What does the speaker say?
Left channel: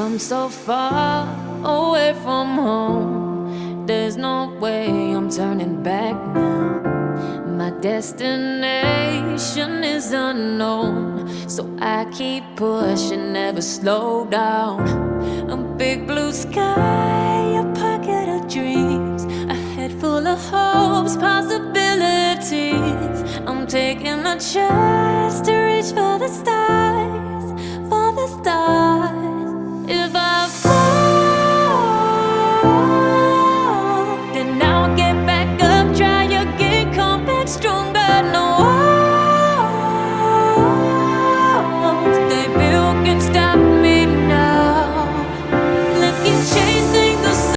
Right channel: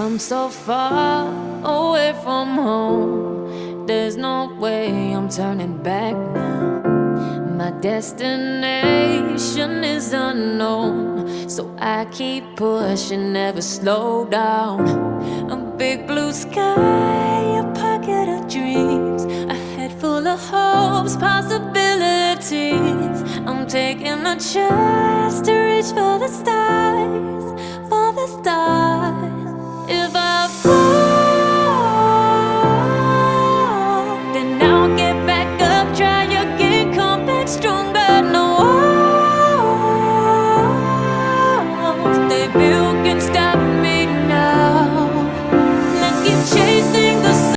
come so far away from home. There's no way I'm turning back now. My destination is unknown, so I keep pushing, never slow down. A big blue sky, a pocket of dreams, a head full of hopes, possibilities. I'm taking a chance to reach for the stars, for the stars.